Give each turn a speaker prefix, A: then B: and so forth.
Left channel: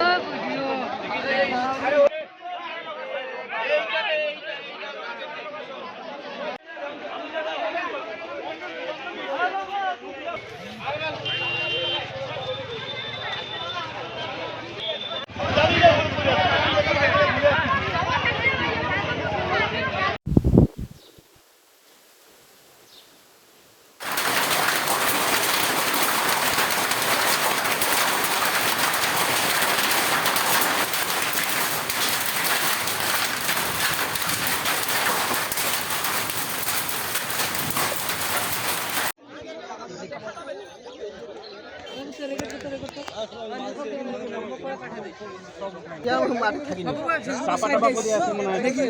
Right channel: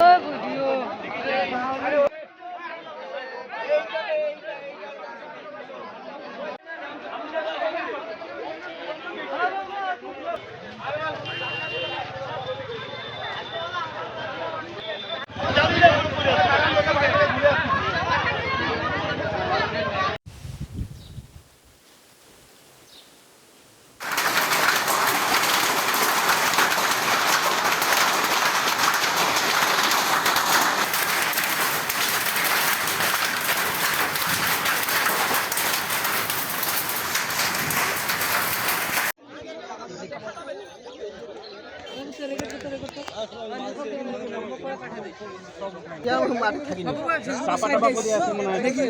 A: এইখানে এইখানে চাপা টাপা করে আছে মনে হয়। দেখি।